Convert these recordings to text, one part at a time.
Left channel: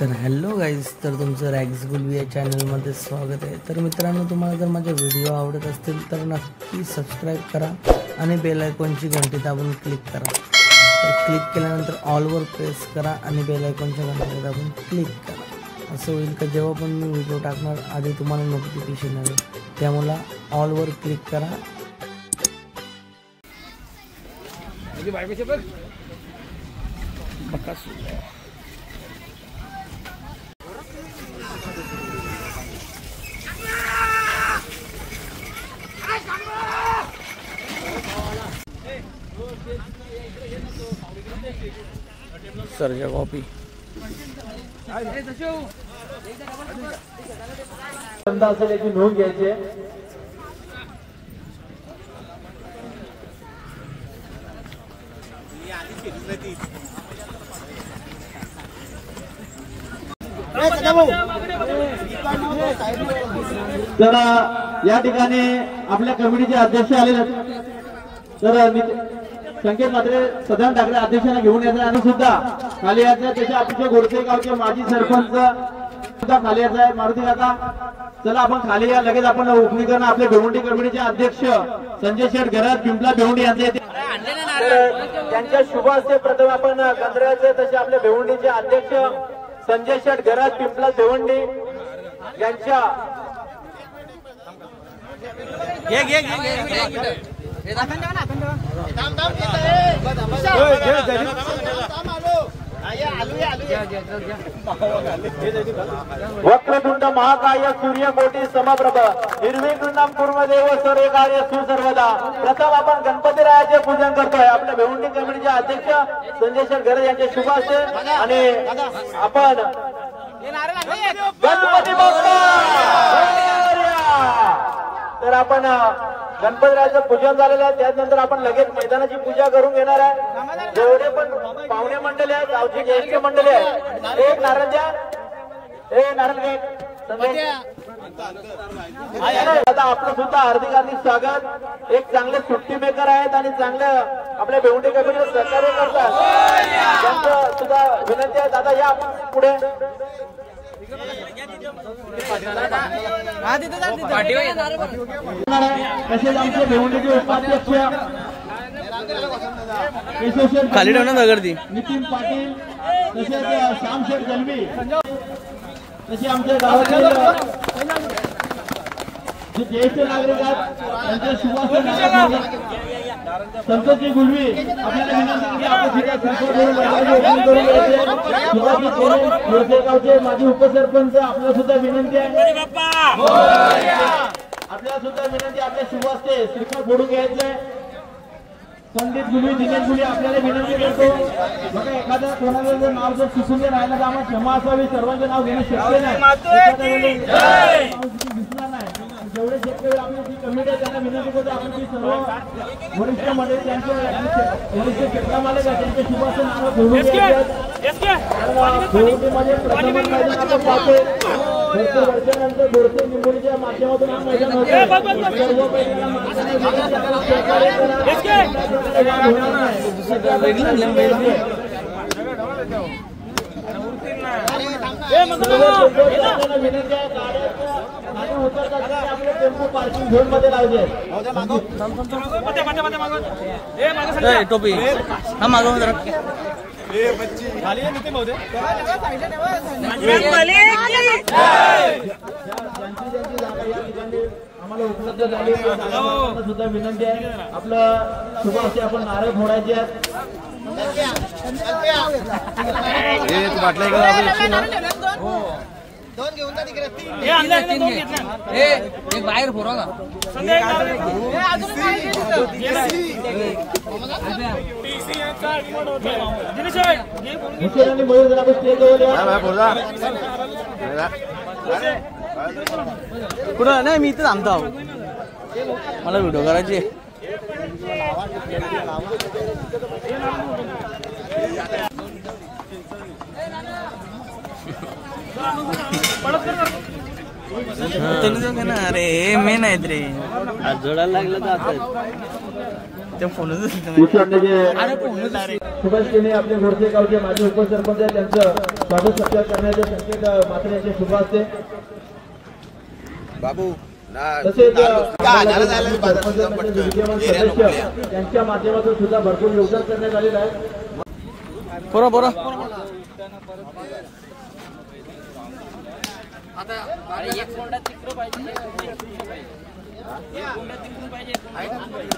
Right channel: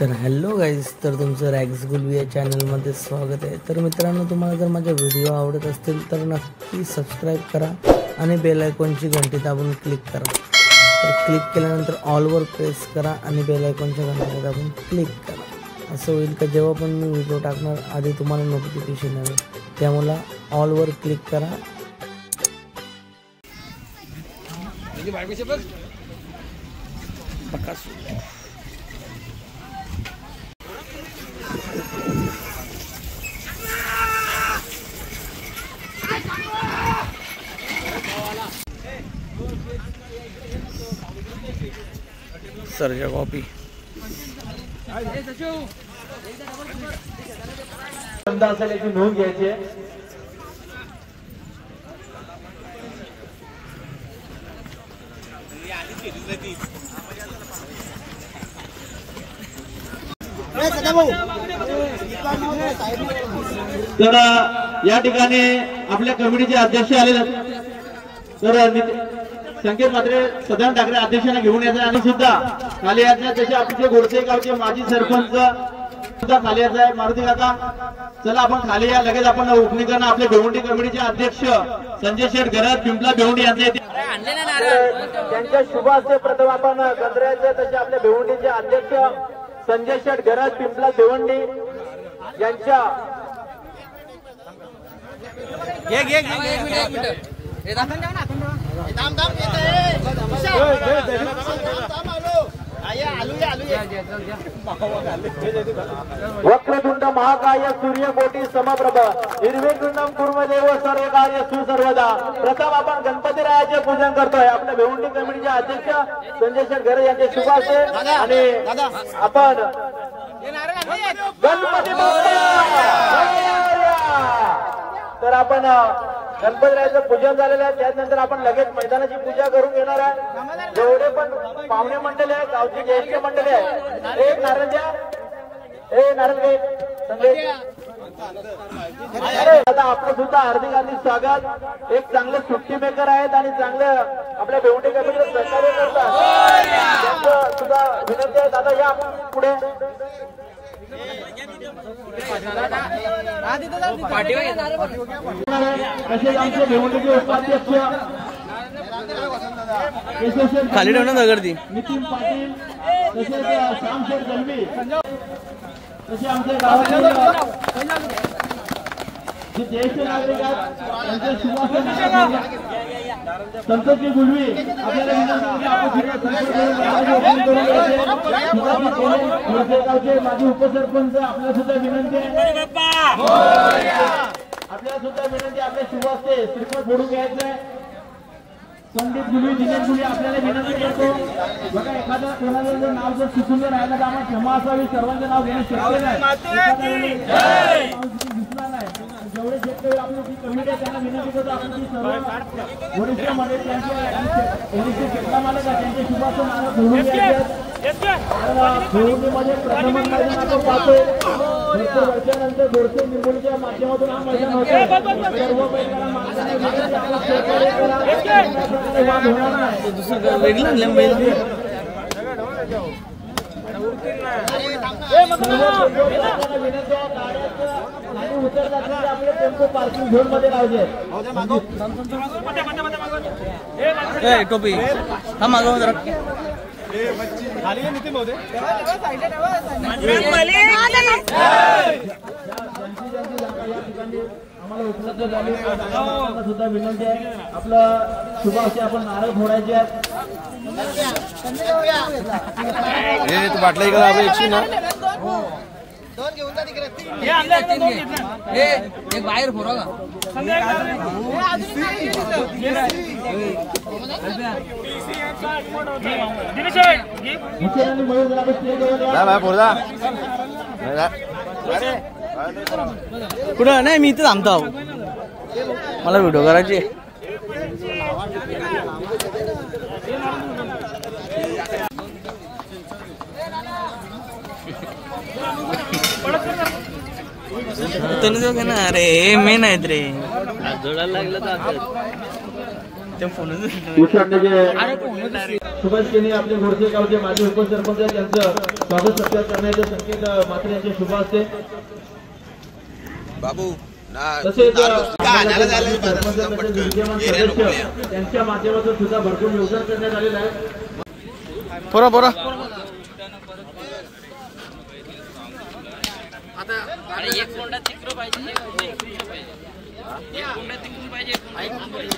तर hello guys, तर तुमचं रॅग्स गुलवी या चॅनलमध्ये स्वागत आहे। तर मित्रांनो, तुम्हाला जर माझे व्हिडिओ आवडत असतील तर नक्की सबस्क्राईब करा आणि बेल आयकॉनची घंटी दाबून क्लिक करा। तर क्लिक केल्यानंतर ऑलवर प्रेस करा आणि बेल आयकॉनच्या घंटी दाबून क्लिक करा। असं होईल का जेव्हा पण मी व्हिडिओ टाकणार आधी तुम्हाला नोटिफिकेशन येईल, त्यामुळे ऑलवर क्लिक करा। सरजा कॉपी नोंद घ्यायची आहे। तर या ठिकाणी आपल्या कमिटीचे अध्यक्ष आलेले तर संकेत मात्रे सदान ठाकरे अध्यक्षांना घेऊन येतात आणि सुद्धा खाली यायचं त्याचे आपले गोरसे गावचे माजी सरपंच सुद्धा खाली यायचं मारुती काका। चला आपण खाली या, लगेच आपण ओपनिंग करणं। आपले भिवंडी कमिटीचे अध्यक्ष संजय शेठ घरात पिंपला भिवंडी यांचे त्यांच्या शुभ हस्ते प्रथम आपण गंधरायचे तसे आपले भिवंडीचे अध्यक्ष संजय शेठ घरात पिंपला भिवंडी यांच्या वक्रतुंड महाकाय सूर्यकोटी समप्रभ निर्विघ्नं कुर्मदेव सर्व कार्य सुसर्वदा। प्रथम आपण गणपती रायाचे पूजन करतोय। आपल्या भिवंडी कमिटीचे अध्यक्ष संजय शेठ घरे यांचे शुभ हस्ते आणि आपण गणपती बाप्पा तर आपण गणपतीरायाचं पूजन झालेलं आहे। त्यानंतर आपण लगेच मैदानाची पूजा करून घेणार आहे। जेवढे पण पाहुणे मंडळी आहे, गावची ज्येष्ठ मंडळी आहे, एक नारळ द्या, नारळ घे संदेश। आता आपलं सुद्धा हार्दिक स्वागत। एक चांगले सुट्टी मेकर आहेत आणि चांगले आपल्या भिवंडी कमिटीला सहकार्य करतात, त्यांचं सुद्धा विनंती आहे। दादा या आपण पुढे खाली ठेवणार दगडी नितीन पाटील तसेच श्यामशेठ गलवी तसे आमच्या गावातील जे ज्येष्ठ नागरिक आहेत त्यांचे सुभाष संतोषजी गुलवी आपल्याला गावचे माजी उपसरपंच आपल्याला सुद्धा विनंती आहे। आपल्याला सुद्धा विनंती आपल्या शुभास्ते श्रीफळ फोडून घ्यायचे। पंडित गुलवी दिनेश गुलवी आपल्याला विनंती करतो, बघा एखादा कोणाला जर नाव जर सुचून जर राहिलं तर आम्हाला क्षमा असावी। सर्वांचे नाव घेणं शक्य नाही, दिसणार नाही। जेवढे शेतकरी आपली जी कमिटी आहे त्यांना विनंती करतो आपण ती सर्व वरिष्ठ मंडळी त्यांचे वरिष्ठ क्षेत्र मालक आहे त्यांचे शुभाचे नाव घेऊन भिवंडीमध्ये प्रथम मैदान पाहतो। भरपूर वर्षानंतर बोरसे निंबोडीच्या माध्यमातून हा मैदान आपले टेम्पो पार्किंग झोन मध्ये लावले आहेत। टोपी हा मागव जरा आम्हाला उपलब्ध झाली सुद्धा विनंती आहे। आपलं शुभ असे आपण नारळ फोडायचे आहेत। बाहेर फोडा का कुठं नाही, मी इथे थांबतो। मला व्हिडिओ करायची। अरे मेन आहेत रे, जोडायला लागलं तर फोन सुभाष केने आपले घोडचे गावचे माजी उपसरपंच त्यांचं स्वागत सत्कार करण्याचे संकेत मात्र यांचे शुभ असते बाबू तसेच त्यांच्या माध्यमातून सुद्धा भरपूर योगदान करण्यात आलेलं आहे. पोरा पोरा एक कोंडा तिकडं पाहिजे, एक कोंडा इकडं पाहिजे, एक कोंडा तिकडून पाहिजे, एक कोंडा इकडून पाहिजे.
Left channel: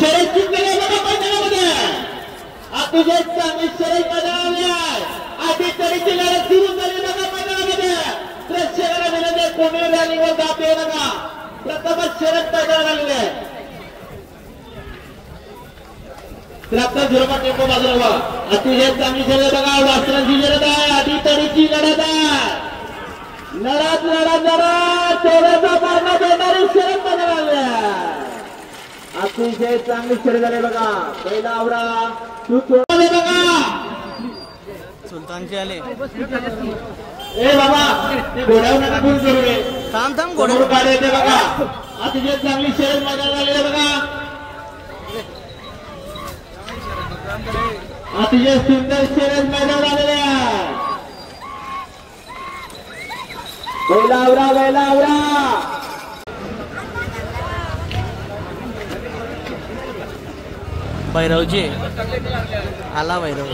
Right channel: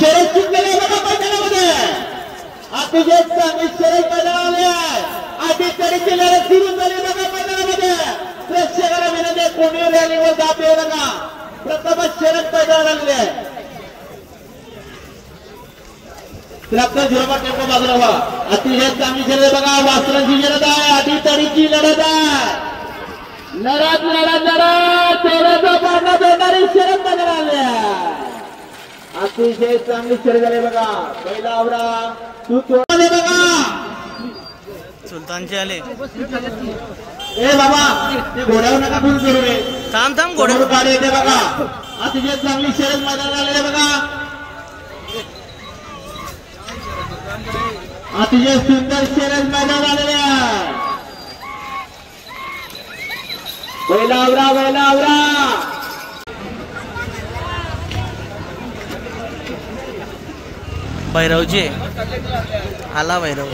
शरद जिंकले बघा मैदानामध्ये अतिशय चांगली शरद मैदानामध्ये अटीतडीची लढत सुरू झाली बघा मैदानामध्ये. प्रेक्षकाला विनंती कोणी रॅलीवर जात येऊ नका. प्रथमच शरद मैदानाला लागले आहे. प्रथम झिरोमा टेम्पो बाजूला व्हा. अतिशय चांगली शरद बघा. वासरांची शरद आहे. अटीतडीची लढत आहे. लढत लढत लढत तेराचा पारणा देणारी शरद मैदानाला आहे. अतिशय चांगली शर्यत झाली बघा. पहिला आवरा तू तोडले बघा. सुलतानचे आले. ए बाबा ते घोड्यावर नका फिरून करू रे. थांब थांब घोडे गाडी येते बघा. अतिशय चांगली शर्यत मैदानाला आलेली बघा. अतिशय सुंदर शर्यत मैदानाला आलेली आहे. पहिला आवरा पहिला आवरा. भैरवजी आला भैरव.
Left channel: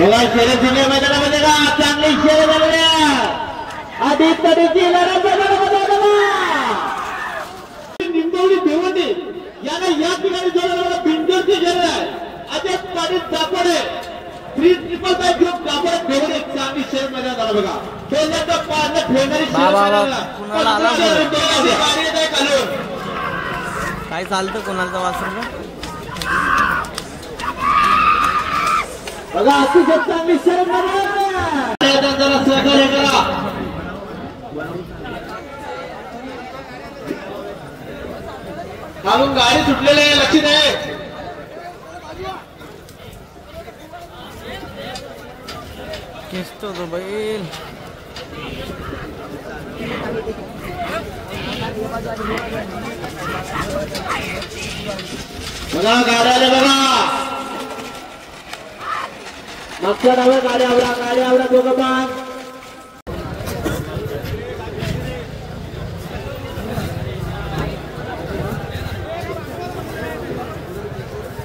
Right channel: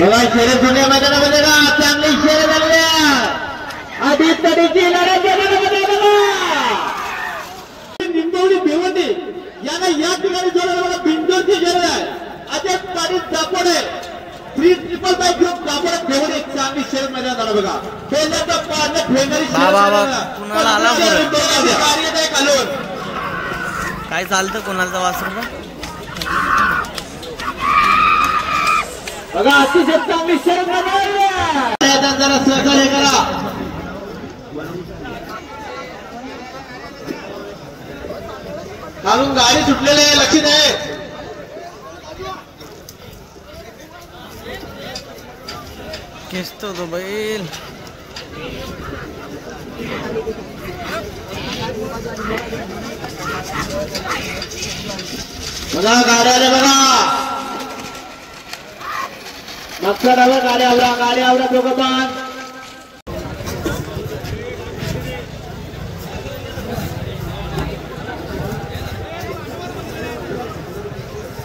बघा शर्यत जुन्या मैदानामध्ये बघा चांगली शर्यत झालेली आहे. अटीतडीची लढत मैदानामध्ये बघा. बिंदोडी भिवंडी याला या ठिकाणी जोडलं. बिंदोडची शर्यत आहे. अजय पाटील दापोडे 3-5 घेऊन दापोडे भिवंडी चांगली शर्यत मैदानात आला बघा. पहिल्यांदा पाडणे फेडणारी बाबा कुणाला आला पुढे घालून काय चालतं कोणाला वासरू का बघा. अतिशय चांगली शर्यत मैदानाला जरा सहकार्य करा. खालून गाडी सुटलेली आहे. लक्षात आहे. खेचतो तो बैल. बघा गाड्या आल्या बघा. मागच्या डाव्या गाड्या आवरा दोघं पण.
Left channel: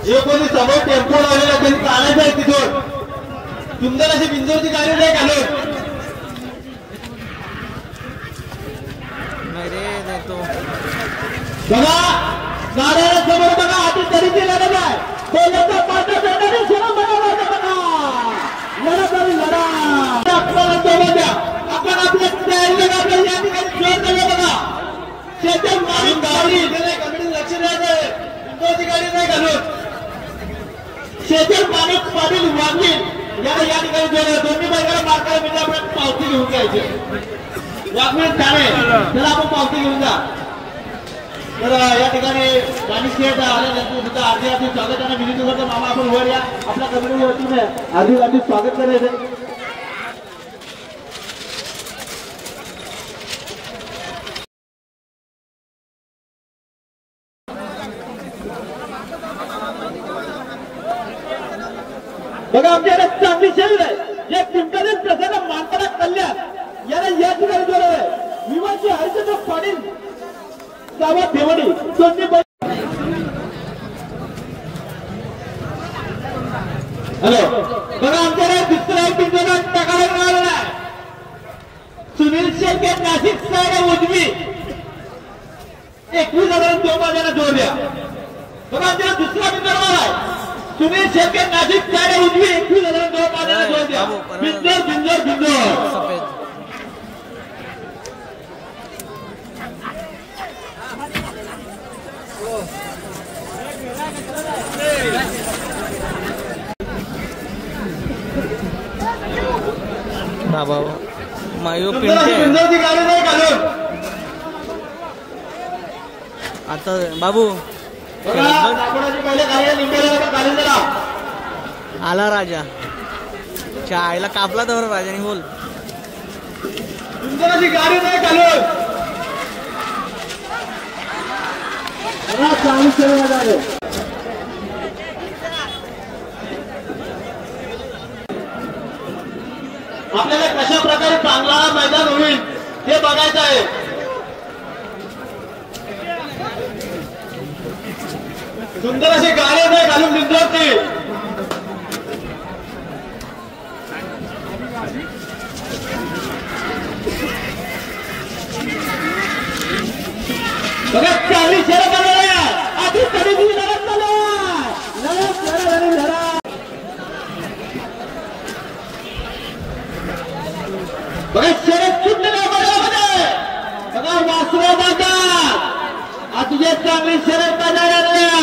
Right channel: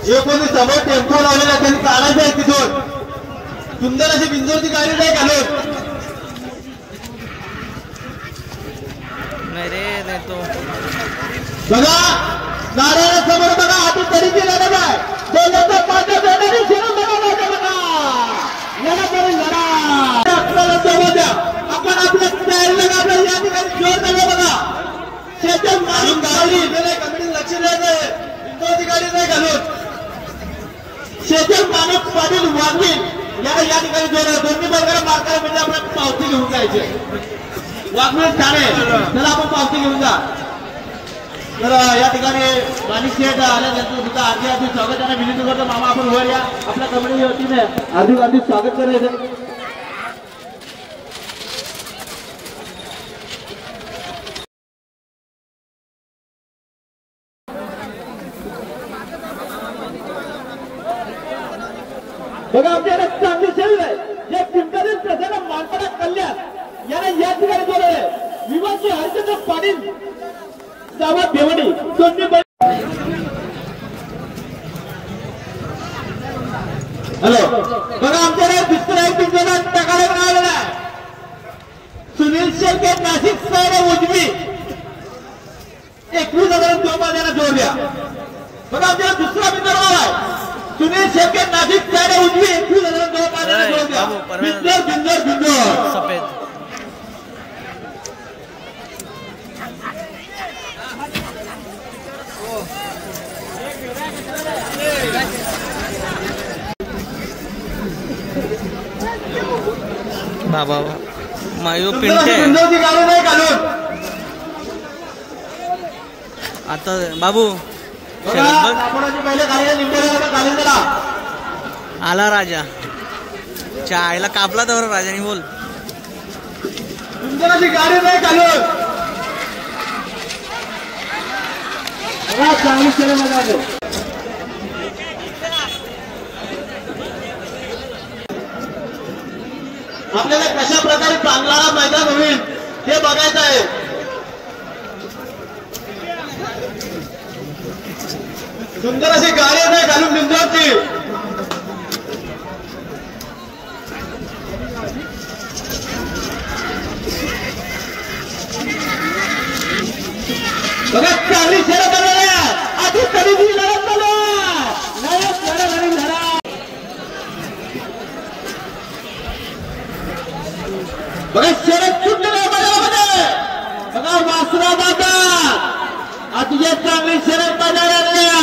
जे कोणी समोर टेम्पो लावलेला त्यांनी काढायचं आहे तिथून. सुंदर अशी बिंजोरची गाडी नाही घालून. नाही रे नाही तो बघा गाड्याला समोर बघा. अटीतडीची लढत आहे. पहिल्यांदा पाठ्या देणारी शरद मैदानामध्ये बघा. लढत आणि लढा. आपल्याला जवळ द्या. आपण आपल्या तयारीला आपल्या या ठिकाणी जोर दिला बघा. शेतात मारून गाडी कमिटी लक्ष द्यायचं. बिंजोरची गाडी नाही घालून. शेतात माणूस पाटील वांगील याला या ठिकाणी जोर. दोन्ही बैलाला मारताना म्हणजे आपण पावती घेऊन जायचे. वाघमीर ठाणे त्याला आपण पावती घेऊन जा. तर या ठिकाणी माणिक शेठ आल्यानंतर तिथं अर्धी अर्धी स्वागत त्यांना विनंती करतो. मामा आपण वर या. आपल्या कमिटी वतीने अर्धी स्वागत करायचं. बघा आमच्याकडे चांगली शरीर आहे. जे कुंडलीत प्रसन्न मानकडा कल्याण याला या ठिकाणी जोडले. विवाची हरिचंद्र पाटील गावात भेवडी दोन्ही. हॅलो बघा आमच्याकडे दुसरा एक बिंदू टाकायला मिळालेला आहे. सुनील शेळके नाशिक सैड उजवी 21,000 जोड द्या. बघा आमच्या दुसरा बिंदू आहे. सुनील शेळके नाशिक साडे उजवी 21,000 बाबू परवेज सफेद बाबा मायो पिंटे आता बाबू शरद बघ आला राजा चायला कापला तर राजाने बोल गाडी नाही चालू आपल्याला कशा प्रकारे चांगला मैदान होईल हे बघायचं आहे. सुंदर अशी गाडी नाही घालून निंदवती बघा 40 शर्यत आलेल्या आधी कधीची लढत झाला बघा शर्यत सुटलेल्या मैदानामध्ये बघा वासुरा दादा अतिशय चांगली शर्यत मैदानातल्या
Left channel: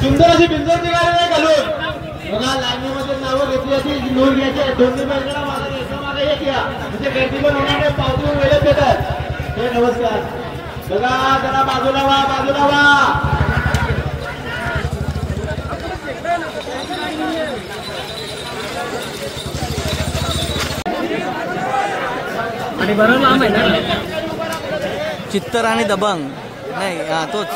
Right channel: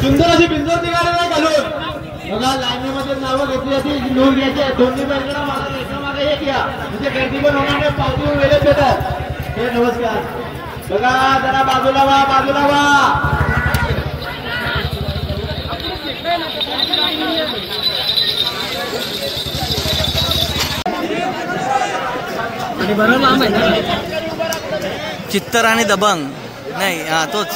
सुंदर अशी बिंदूची गाडी नाही घालून बघा लाईनीमध्ये नावं घेतली अशी नोंद घ्यायची दोन्ही बाजूला मागे एका मागे एक या म्हणजे गर्दीवर होणारे पावती वेळेत भेटत हे नमस्कार बघा जरा बाजूला वा बाजूला वा आणि बरोबर नाम आहे ना चित्तर आणि दबंग नाही हा तोच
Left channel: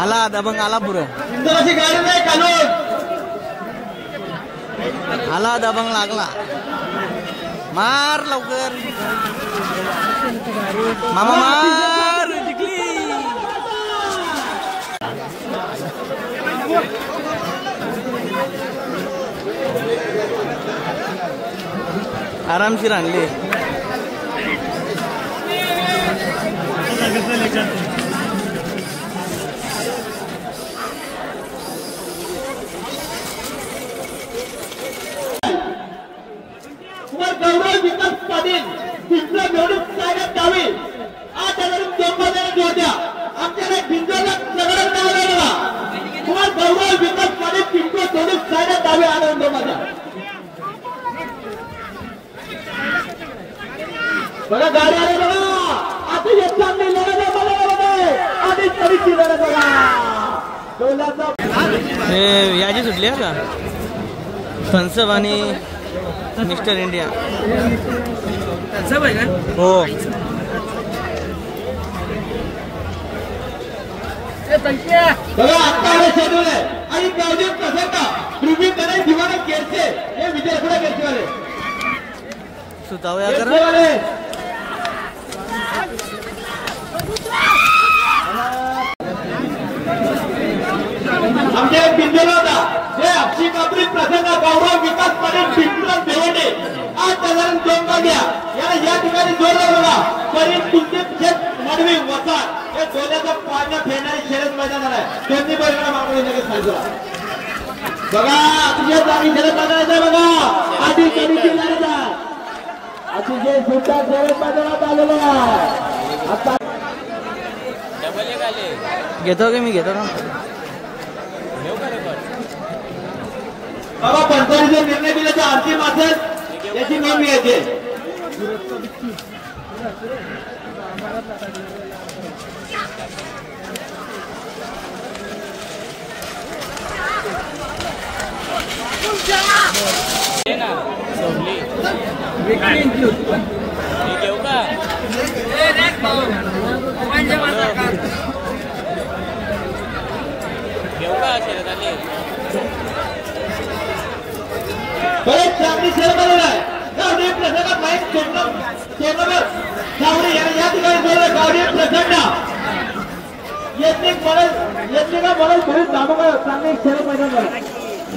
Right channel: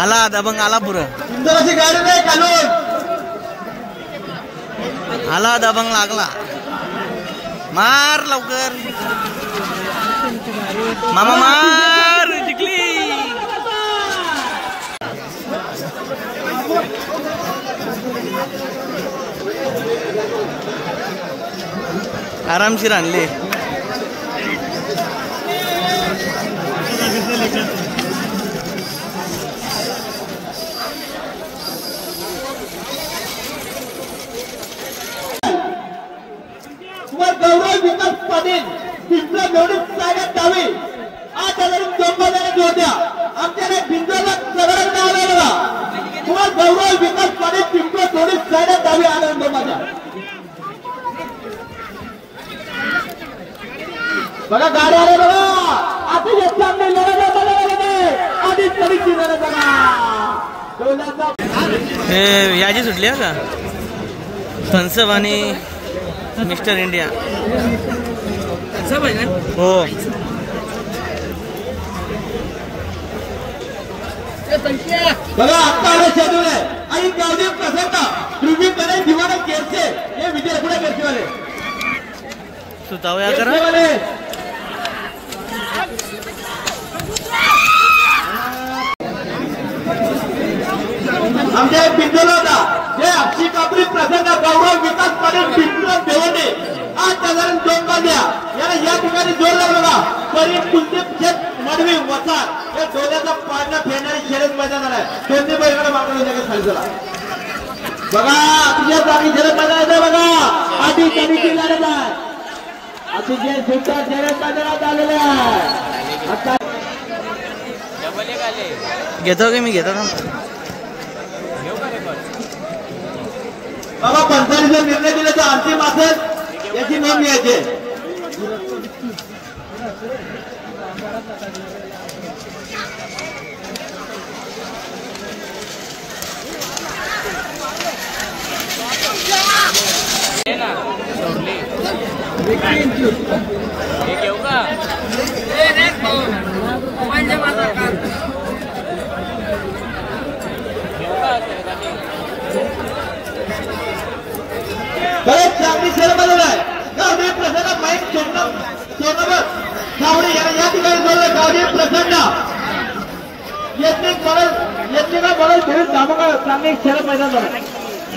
आला दबंग आला पुरं सुंदर अशी गाडी नाही घालून आला दबंग लागला मार लवकर मामा मार जिंकली आरामशीर आणले गौरव विकास पाटील तिसरा गौरव साहेब डावी 8,000 होत्या आमच्याकडे भिंजला सगळं नाव लागला किंवा गौरव विकास पाटील तिसरा गौरव साहेब डावी आनंद माझा बघा गाडी आले बघा आधी चांगली लढत बघा आधी तरीची लढत बघा हे याची सुटली आहे का थन्सअप आणि मिस्टर इंडिया हो बघा आता शेड्यूल आहे आणि गावचे कसं पूर्वीकडे दिवाणी केरचे हे विद्यार्थ्याला केरचे सुतावया करा आमच्या बिंदूला होता हे अक्षी कापडी प्रसंग गौरव विकास पाटील बिंदूला देवणे 8,002 काढल्या या ठिकाणी जोरदार बघा करीब तुमचे नडवी वसा हे डोल्याचा पाण्यात फेडणारी शर्यत मैदान आहे दोन्ही बैलकडे वापरले लगेच खालचा बघा अतिशय चांगली शर्यत मैदान आहे बघा आधी कमीची लढत आहे अतिशय सुंदर शर्यत मैदानात आलेले आहे आता घेतो की मी घेतो ना बाबा पंचायतीचा निर्णय दिला तर अंतिम असेल याची नोंद घ्यायची बरेच चांगली शर्यत आलेली आहे गावडे प्रसन्न माईक सोनगर गावडे या ठिकाणी बोललं गावडे प्रसन्न येथे का मला धरून धामका चांगली शर्यत मैदान झालं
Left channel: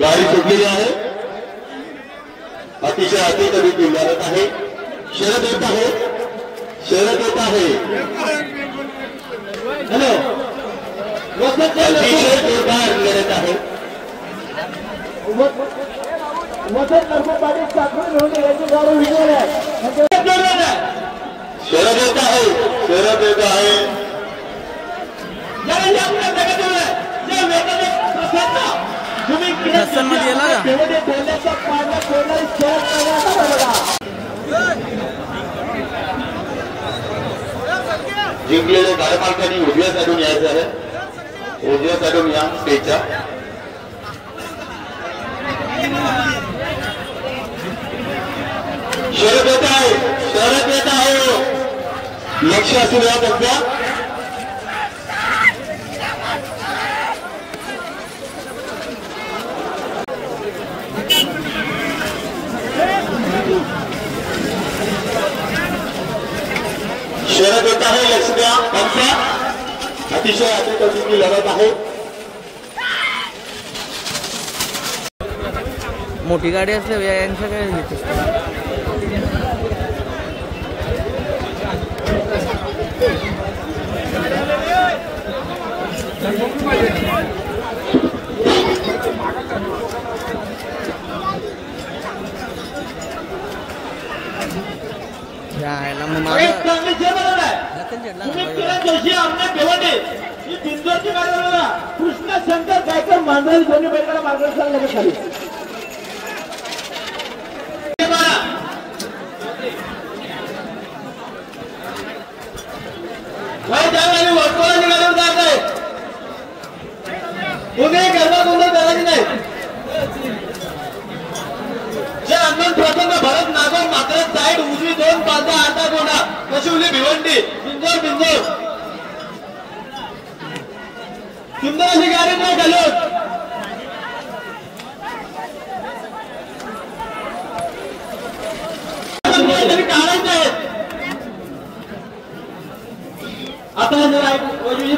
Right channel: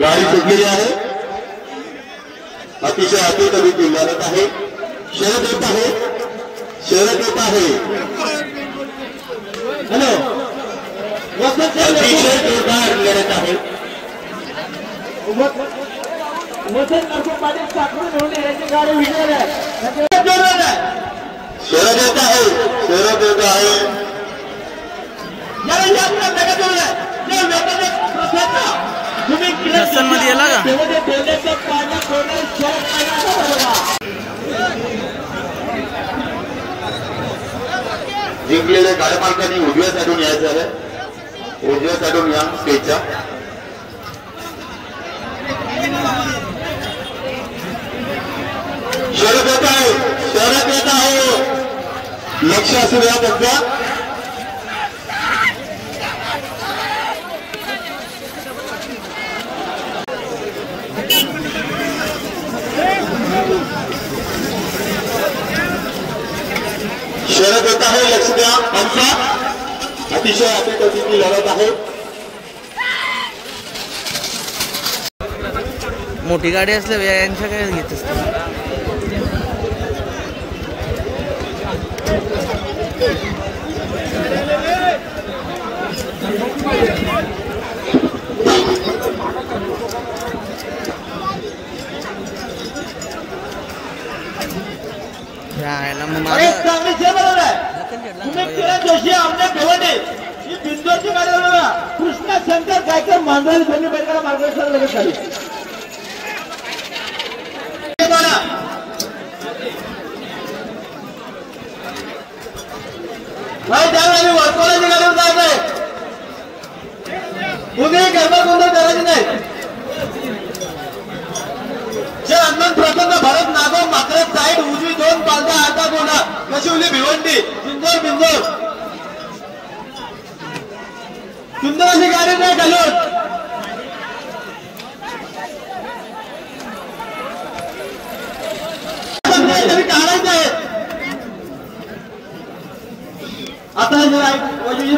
गाडी सुटलेली आहे. अतिशय अतिरिक्त लढत आहे. शरद येत आहे. शरद येत आहे. अतिशय जोरदार लढत आहे. शरद येत आहे. शरद येत आहे. नसन मध्ये येला का जिंकलेल्या गाडमालकांनी उजव्या साईडून यायचं आहे. उजव्या साईडून या स्टेजच्या. शरद येत आहे. शरद येत आहे. लक्ष असू द्या त्यांच्या. शरद येत आहे. लक्ष द्या आमच्या. अतिशय अतिशय लढत आहे. मोठी गाडी असल्या यांच्या काय घेत असते. यायला मग माझं कृष्णा शंकर गायकर मांडवली दोन्ही बैलगाडा मार्गदर्शनाला लगेच खाली. वाकोला निघालं जात आहे. तुम्ही गरबा गोंधळ करायची नाही. प्रथम भारत नागोर मात्र साईड उजवी 2 पालत्या अर्धा गोंडा कशिवली भिवंडी सुंदर बिंदोर सुंदर अशी गाडी नाही घालून काढायचं आहे. आता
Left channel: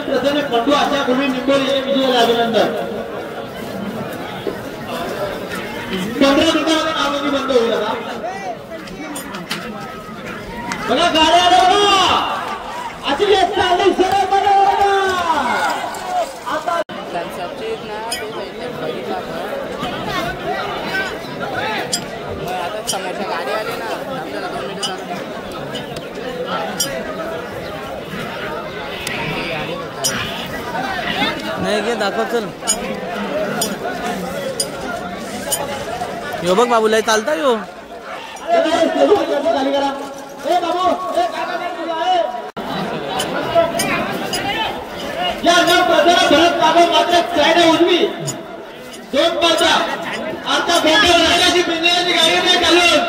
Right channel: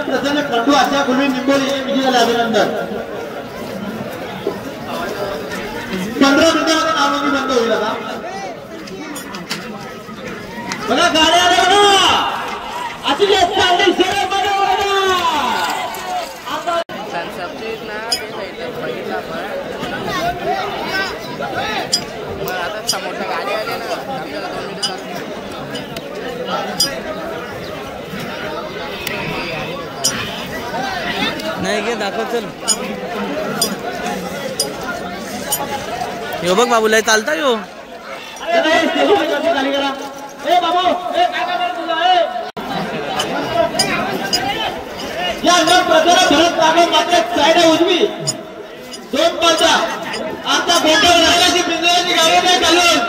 प्रसन्न खंडू अशा पूर्वी निंबोली विजयाला अभिनंदन. 15 मिनिटांमध्ये नामांकी बंद होईल. आता बघा गाड्या बघा अशी आता समोरच्या गाडी आली ना आपल्याला 2 मिनिटं नाही घे दाखव चल. यो बघ बाबूला चालता यो. उजवी 2 पालत्या आता गोंडल राजाची बिंदूची गाडी नाही घालून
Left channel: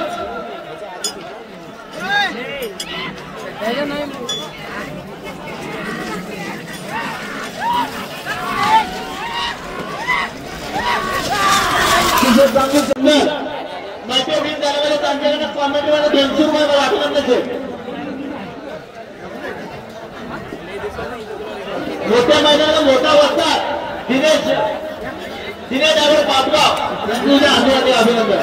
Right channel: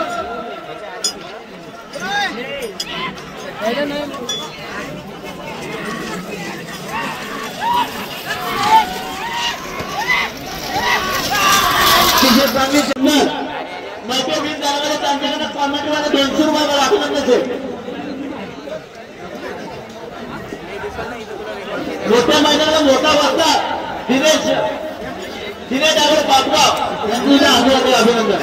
कॉमेंटवाला 200 रुपये वाटलं त्याचे. मोठ्या मैदानाला मोठा वक्ता दिनेश डायरेक्ट पाठवा तुझ्या अभिनंदन.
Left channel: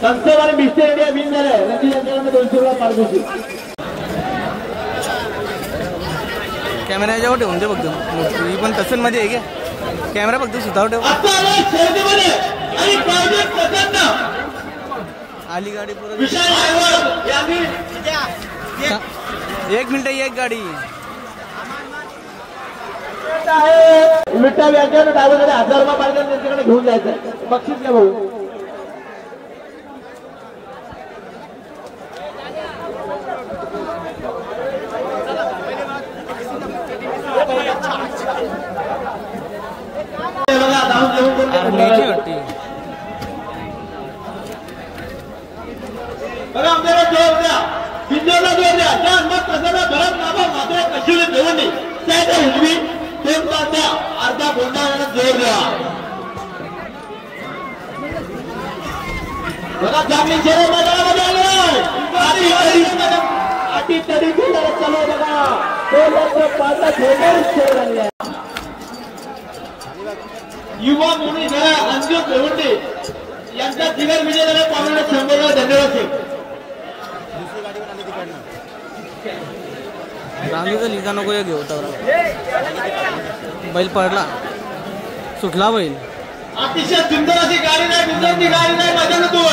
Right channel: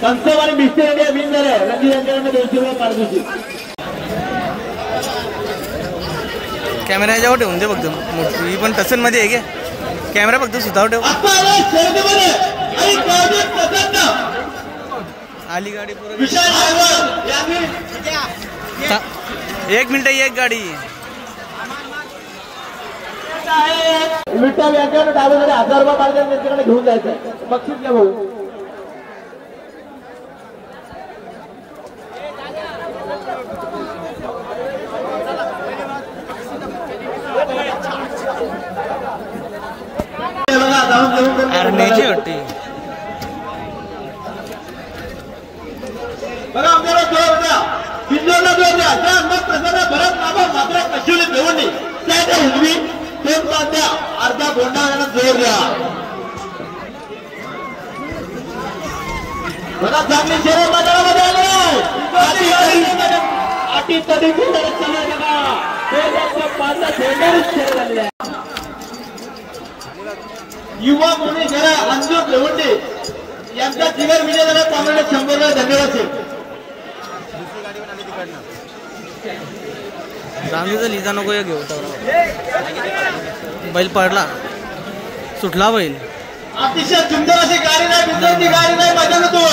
संस्थेवाले मिस्त्री इंडिया विन झाले. रंजित यांच्याकडनं 200 रुपये पारितोषिक. कॅमेरा याच्यावर ठेवून दे फक्त. मोठी पण टसन मध्ये आहे का कॅमेरा फक्त सुतावर ठेव. आली गाडी पुरं. 1 मिनिट एक गाडी. विठ्ठल यांच्याकडे डायव्हरकडे 1000 रुपये पाहिजे त्यांच्याकडे घेऊन जायचं. बक्षीस घ्या भाऊ. अरण्याची वाटते. बघा आमच्याला जोर द्या. बिंदूला जोर द्या. त्या अंगात प्रसन्न भरत नावा मात्र कशिवली भिवंडी साईड उजवी 2 पालत्या अर्धा गोंडा जोर द्या. बघा चांगली शेरे मैदानामध्ये आलो. युवा मुनी जरा अंजू देवंडे यांचा जिगर विजय झाला. पाहुणे 100 धन्यवाद. रामजीचा लिजा नको घेऊ तर बैल पडला सुटला बैल. अतिशय सुंदर अशी गाडी नाही बिंदूची गाडी नाही माझ्या तो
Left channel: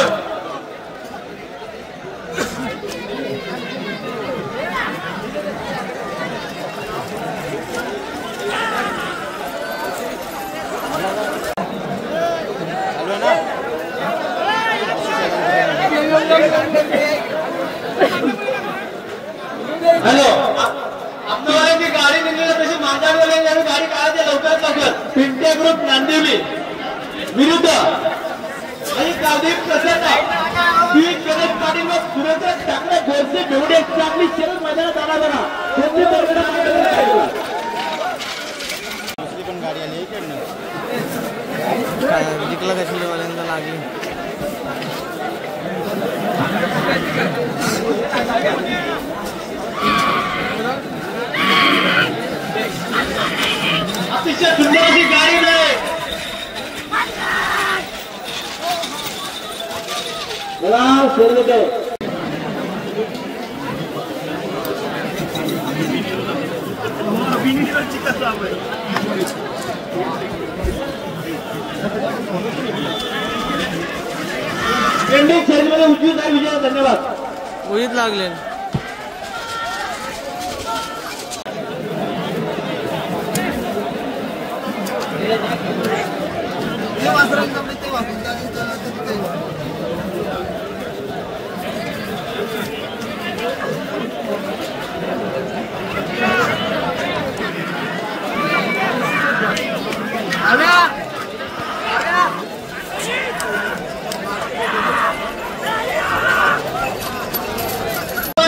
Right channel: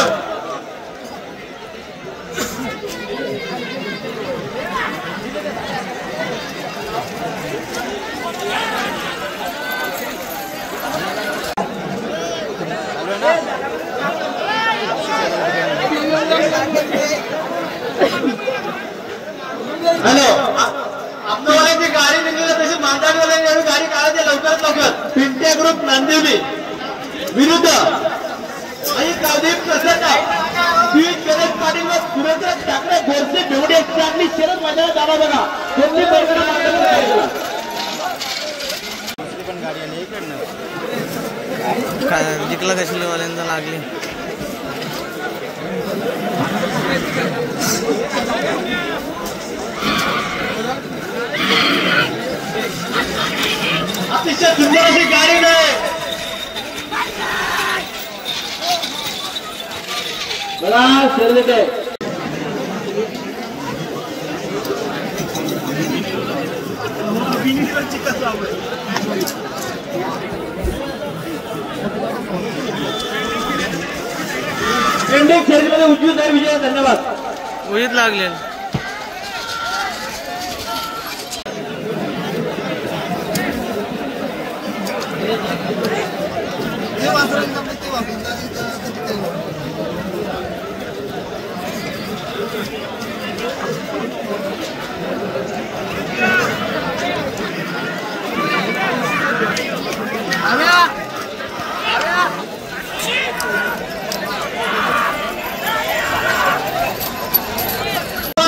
हॅलो आपल्यावाल्यांची गाडी निघली तशी मालगाडीवाल्यांनी गाडी काढायची लवकरात लवकर. पिंटे ग्रुप नांदेवी विरुद्ध आणि गावदेव प्रसन्न शरद पाटील व सुरेंद्र ठाकरे घरचे जेवढे चांगली शरद मैदानात आला बघा. कोणती काय जिंकला कशाला वाल्यांचा लागली. अतिशय सुंदर अशी गाडी नाही बघा सर्व ते इंडियन शर्यतीमध्ये उजवीचा विजय. धन्यवाद. उडीत लागले.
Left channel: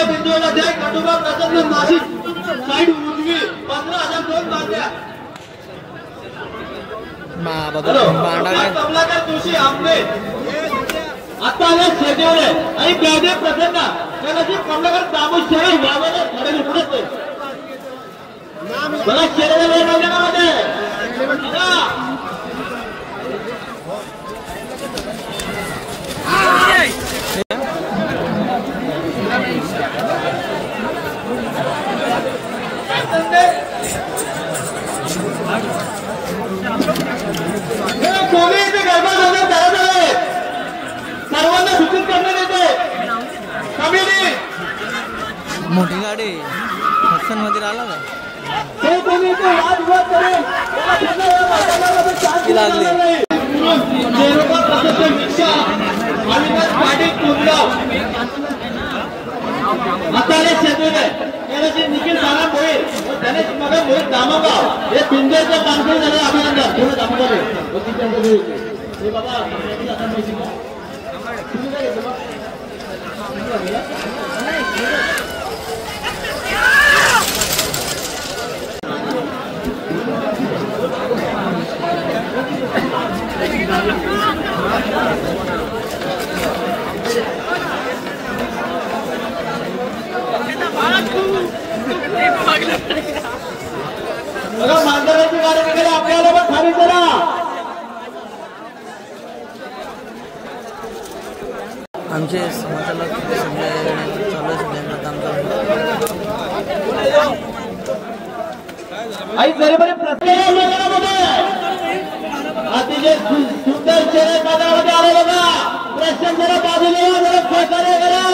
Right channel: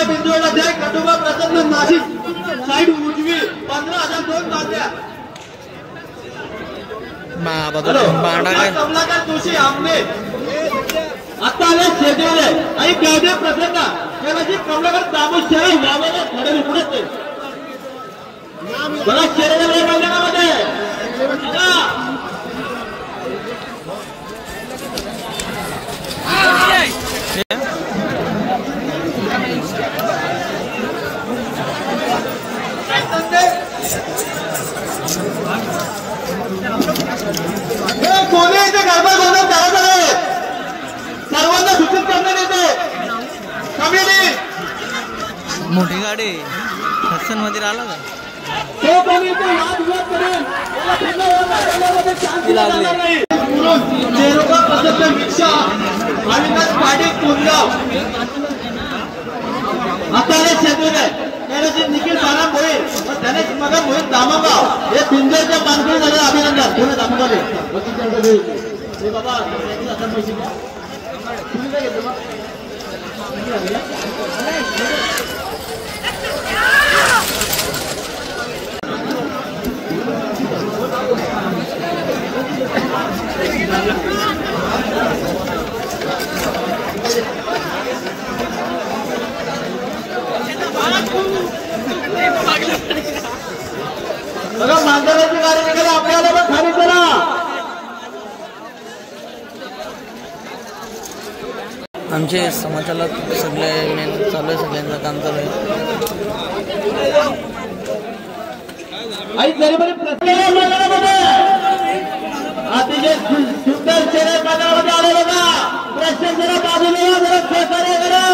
बिंदूमध्ये खंडोबा प्रसन्न नाशिक साईड उजवी 15,002 मागण्या. बांडा काय कमलाकर जोशी आपले आता आले शेजवले आणि गावदेव प्रसन्न त्याची कमलाकर दामोशाही गावाला थोडे पुढे बघा शेजवले मैदानामध्ये सर्वांना सूचित करण्यात येतो. मोठी गाडी हसन मध्ये आला का लागली. निखिल माला मोहित त्याने मग मोहित दामोगाव हे पिंजरच्या कामगिरी झालं. अभिनंदन. मांजराची गाडी आपल्याला पण खाली करा. आमचे समाजाला सगळे चालू सगळ्यांना काम चालू आई गरीब अतिशय सुंदर शर्यत मैदानामध्ये आलं बघा. प्रश्न जरा बाजूला जरा सहकार्य करा.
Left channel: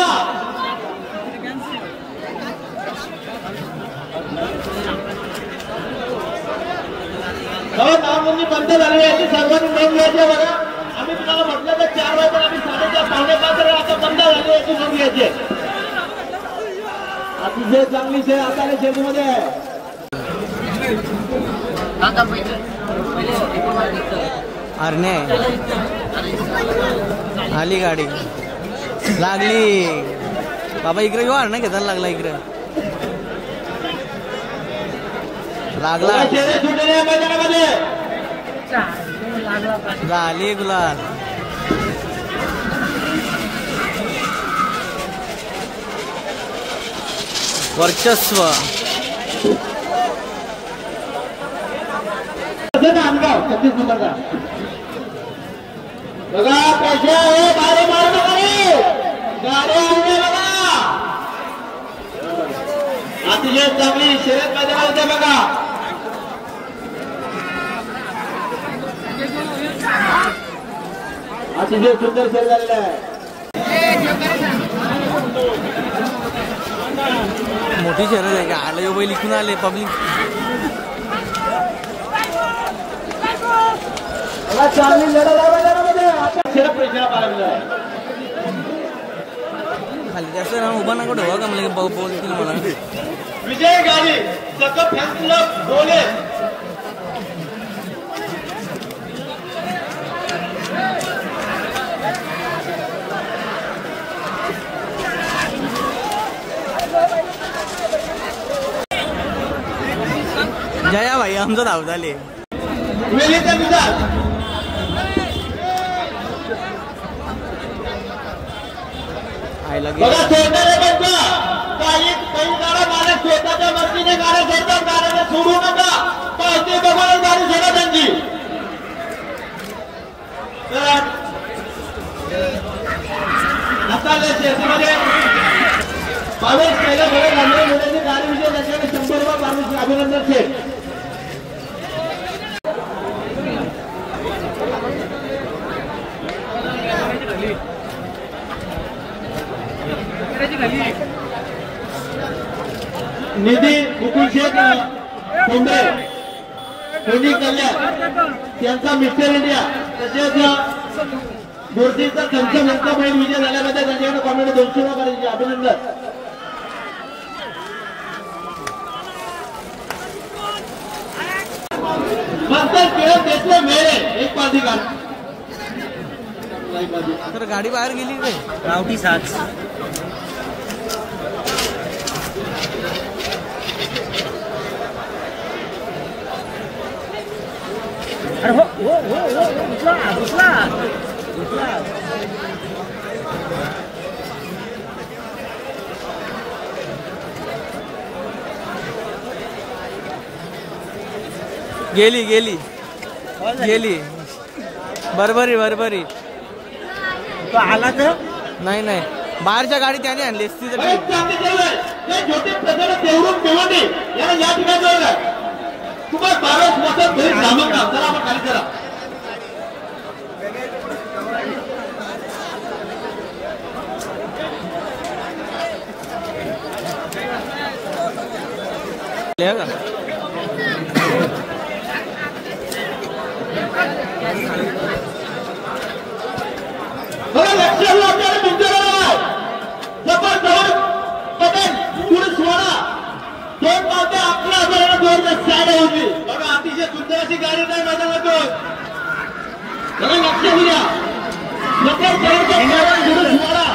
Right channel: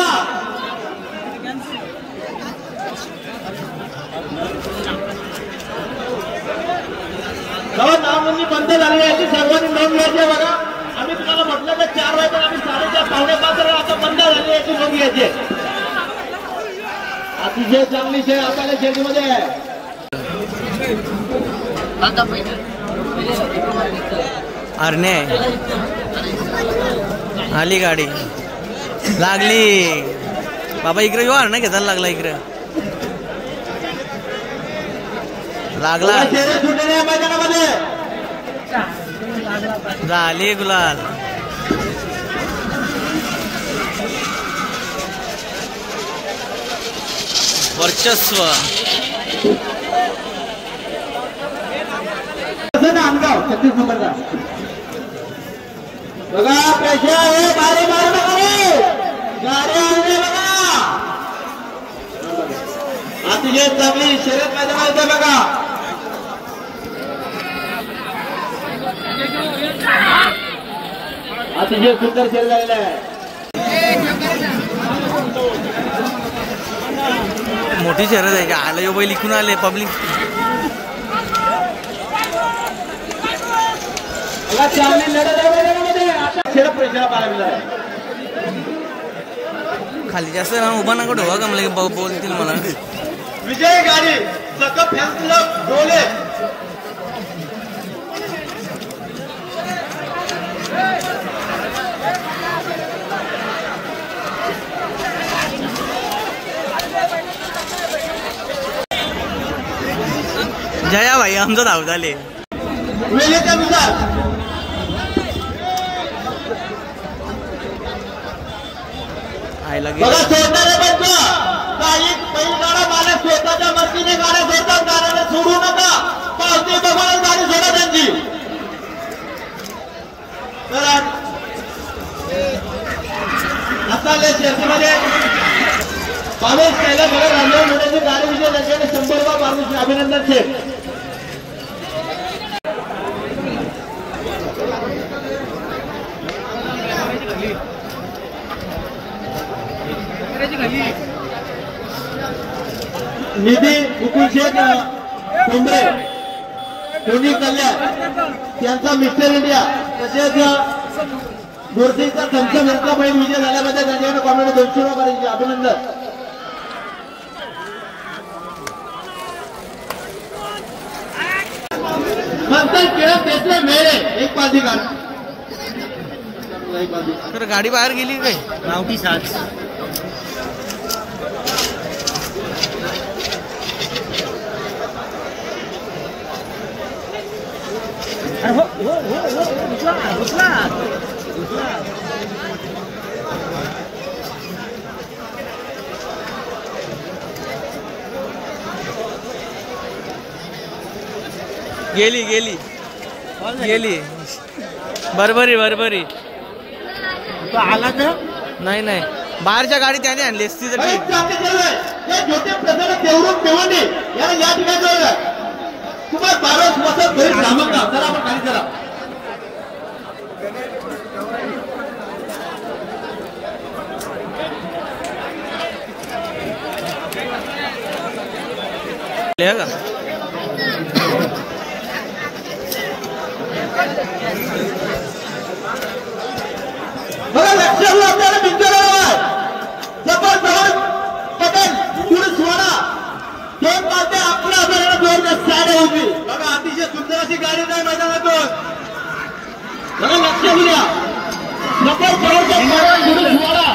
नामनोंदणी बंद झाली आहे. सर्वांनी नोंद घ्यायची बघा. आम्ही तुम्हाला म्हटलं तर 4 वाजता आम्ही 4:30 आता बंद झाली याची नोंद घ्यायची. अतिशय चांगली शे आपल्या शेतीमध्ये अरणे आली गाडी लागली. बाबा इकडे येऊ अरणे घेताना लागला इकडे लागला. झाली गुलाल. वर्चस्व नांदगाव 36 नंबरचा बघा पैसे आहे गाडी मारतो गाडी आणले बघा अतिशय चांगली शर्यत मैदान होतं बघा अतिशय सुंदर शर्यत झालेला आहे मोठी शर्यत आहे का आलं यो बैल इकून आले पब्लिक चांगली लढत आहे मैदानामध्ये आता शर्यत पैशाला पाहायला आहे खाली जास्त ना उभा नका ठेवा का मला बोलतील मला विजय गाडी सगळं फॅन्स क्लब बोले जया भाई आमचं धाव झाले वेळेचा मुद्दा आयला बघा सोडणारे बघा काही गाड्या मारे स्वतःच्या मर्जीने गाड्या सोडतात गाड्याला सोडू नका पावती बघा गाडी सोडा त्यांची आता शेतीमध्ये पाऊस केला बघा नंबर मुलांची गाडी विजय लगेच 100 पाऊस अभिनंदन शेख निधी मुकुल शेख कुंभे कोणी कल्याण त्यांचा मिस्टर इंडिया तसेच मूर्तीचा चमचा मिरचा बैल विजय झाल्याबद्दल त्यांच्याकडे कॉमेंट 200 रुपये अभिनंदन नंतर खेळत घेतले मेळे एक पाठी गाडी तर गाडी बाहेर गेली काय गावठी 7 गेली गेली गेली बरोबरी बरोबरी आला तर नाही नाही बाहेरच्या गाडी त्याने आणली असती तर ठीक तुम्हाला 12 वाजता घरी थांबत का चला आपण खाली चला का बघा लक्ष आपल्याला तुमच्याकडे जबरदस्त पटेल पुरुष सोडा दोन माते आपल्या आपल्याला 2 साडे होती बघा अतिशय सुंदर अशी गाडी नाही मैदानातून बघा लक्ष द्या पटेल पुरुष सोडा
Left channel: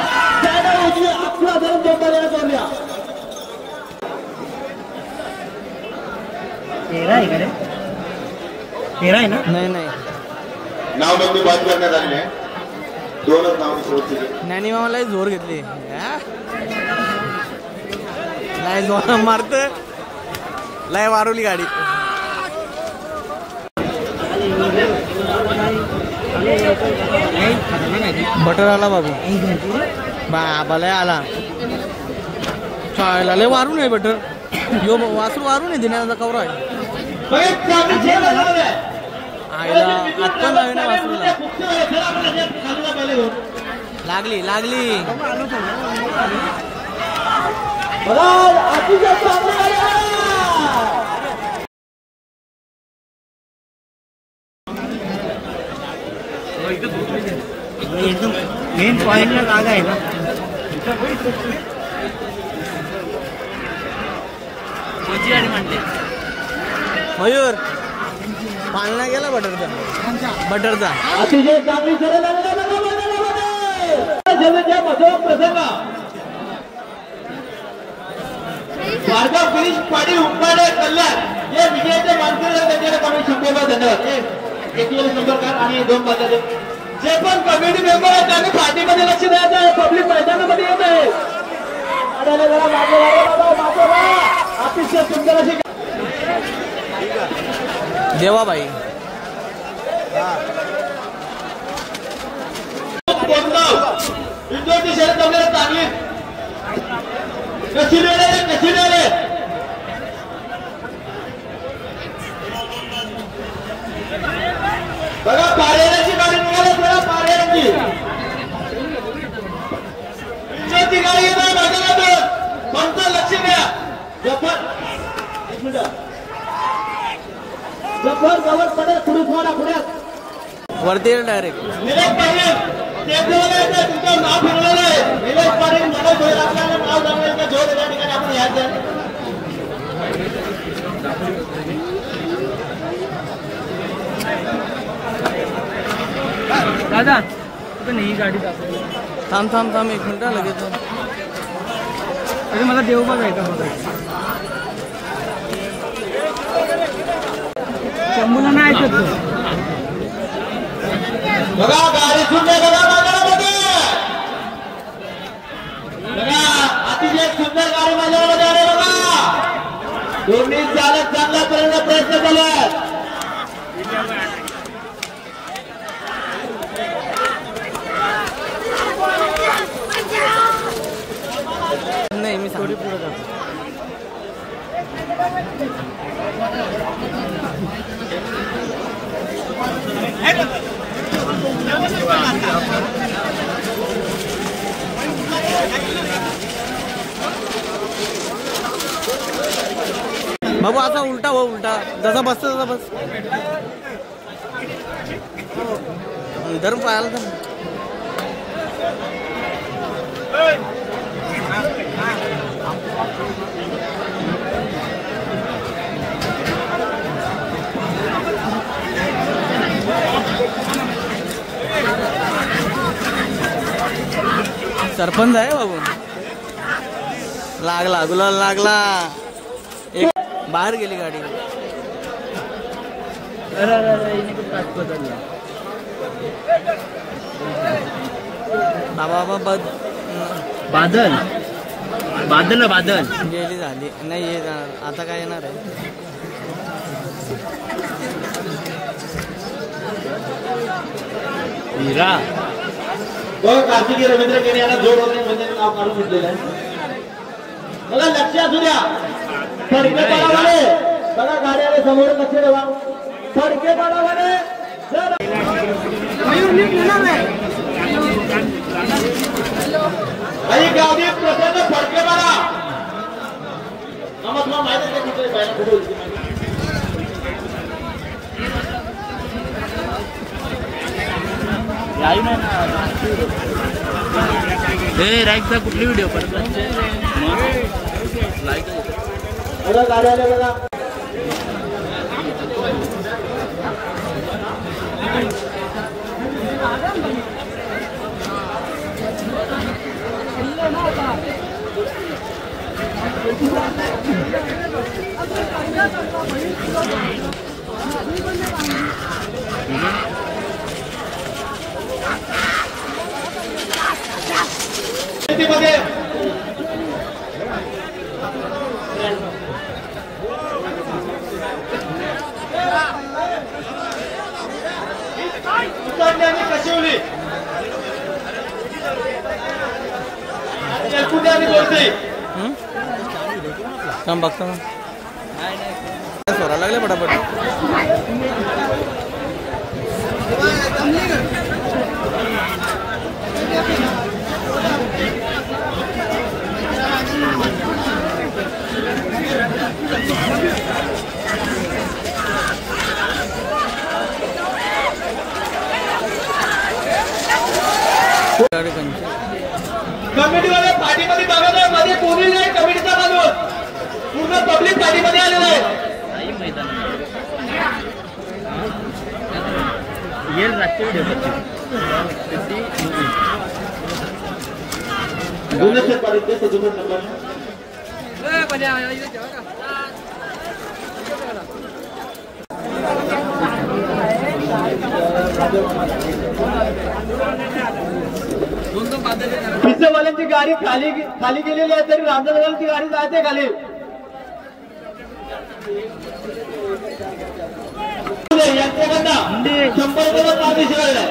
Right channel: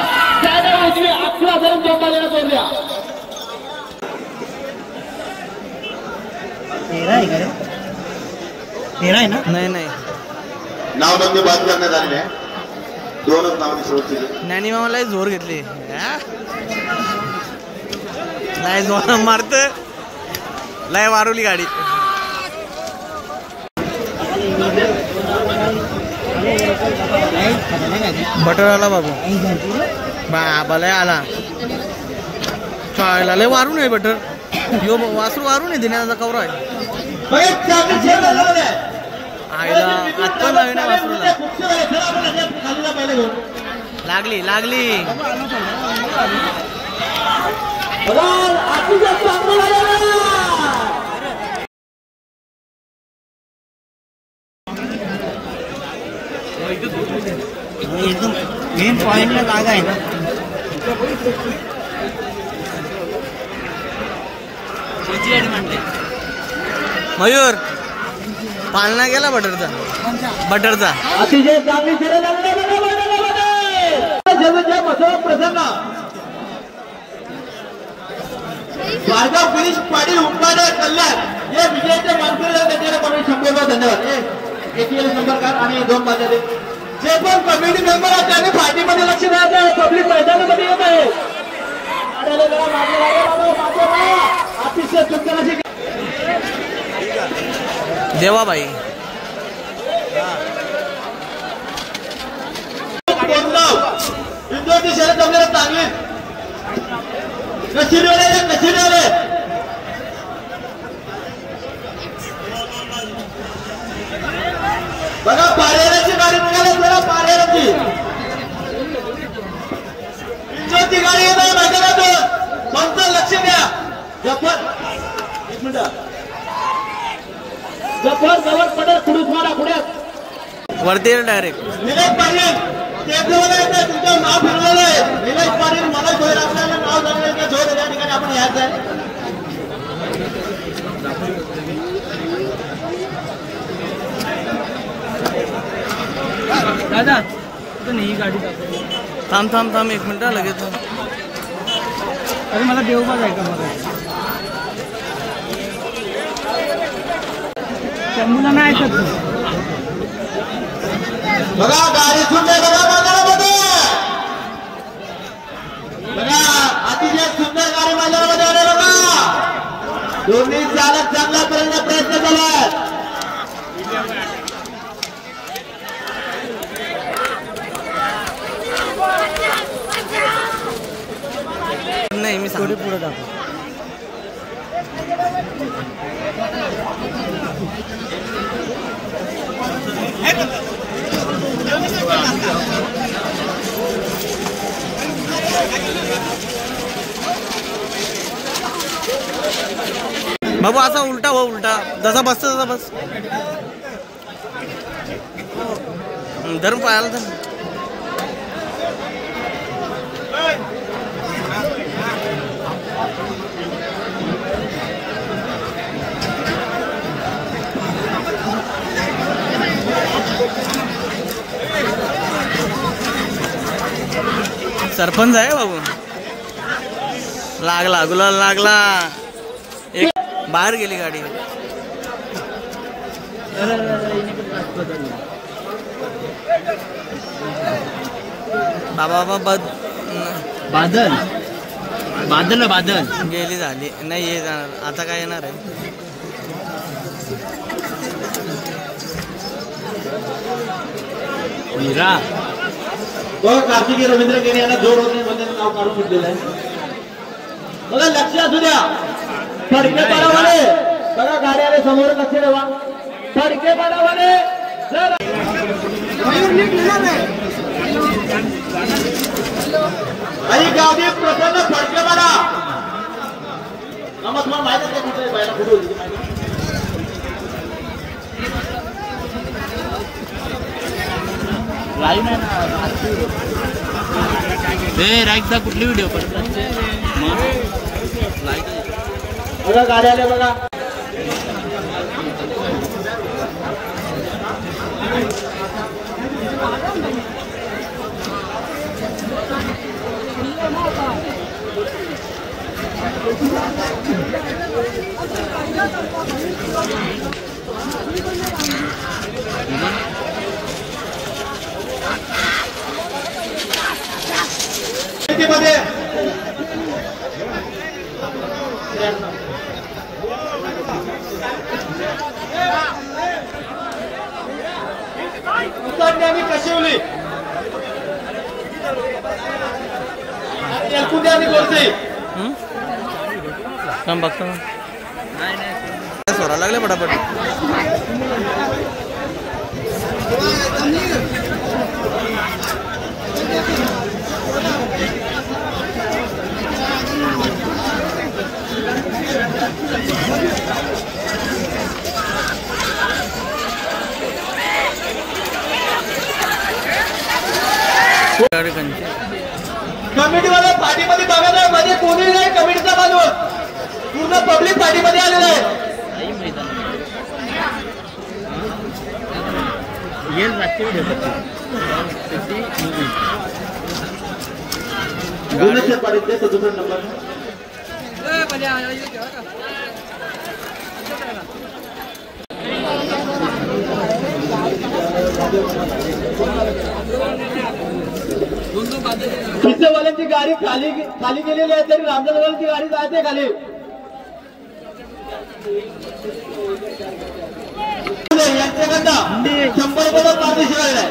साडे होती आपल्या आपल्याला 2 गाड्या सोडल्या तेरा आहे ना नाही नाही नावबंदी बाद करण्यात आली आहे 2 नाव सोडतील ज्ञानी मामाला जोर घेतली लय जोर मारत लय वारवली गाडी बटर आला बाबू बाबा लय आला चायला लय वारून आहे बटर यो वासरू वारून आहे दिनाचा कवरा आहे आईला आत्ता नवीन आहे वासरूला लागली लागली एकदम मेन पॉइंटला जागा आहे ना मयूर पालना गेला बटरचा बटरचा अतिशय चांगली प्रसंग भार्गव गिरीश पाटील उपकारे कल्याण हे विजयाचे मानकरी त्यांच्याकडे कमिटी 100 धन्यवाद एटीएल मेंबरकार आणि 2 बाजारे जे पण कमिटी मेंबर आहेत त्यांनी पार्टीमध्ये लक्ष द्यायचं पब्लिक मैदानामध्ये येत आहे गाड्याला जरा मागे लागले बाबा, मागे वा. अतिशय सुंदर अशी देवाबाई विद्यार्थी शर्यत आपल्याला चांगली कशी डोळे बघा. पारेराची गाडी निघाली बघा, पारेराची विद्यार्थी गाडी येणार कोणतं लक्ष द्या. जफर गवत पडेल खुडूस मारा पुढ्यात वरती डायरेक्ट निलेश पाटील ते बोलले ते तुमचं नाव फिरवलेलं आहे. निलेश पाटील मला जोर लागला नाव लावलं ते जोर त्या ठिकाणी आपण यायचं आहे. दादा ही गाडी थांब थांब थांब 1 मिनिट लगेच. अरे मला देवबाग आहे का मला शंभूला नाही ऐकत. बघा गाडी सुंदर बघा बाजारामध्ये बघा अतिशय सुंदर गाडी बाजारामध्ये आले बघा. दोन्ही चालक चांगला करण्याचा प्रयत्न केला. नाही मी सांगतो. बाबू असा उलटा हो, उलटा जसा बसतो तसा बस. धरून पाहायला तर सरपंच आहे बाबू. लागला गुलाल लागला. एक बाहेर गेली गाडी. बाबा बाबा बादल बादल ना बादल गेली झाली नाही. ये जाणार आता काय येणार आहे. मीरा तो कार्तिकी रवींद्र केने यांना जोर वगैरे नाव काढून घेतलेलं आहे. बघा लक्ष असू द्या. फडके पाडावाले बघा गाड्याने समोर लक्ष ठेवा. फडके पाडावाले काही गावी प्रसन्न फडके पाडा. तुम्हाला माहिती आहे तिथे बाहेर कुठे राईटचा कुठली व्हिडिओ पडतो बघा गाडी आले बघा. मध्ये कशवली काम बघतो सोरा लागले पटापट. कमिटीवाले पाठीमध्ये बघा मध्ये कोणी नाही. कमिटीचा माणूस पूर्ण पब्लिक पाठीमध्ये आलेला आहे. पिझ्झावाले ची गाडी खाली खाली गेलेली आहे तरी रामदासवाल्यांची गाडी जाते खाली. यांच्याकडनं 100 रुपये पाठीशी आहे.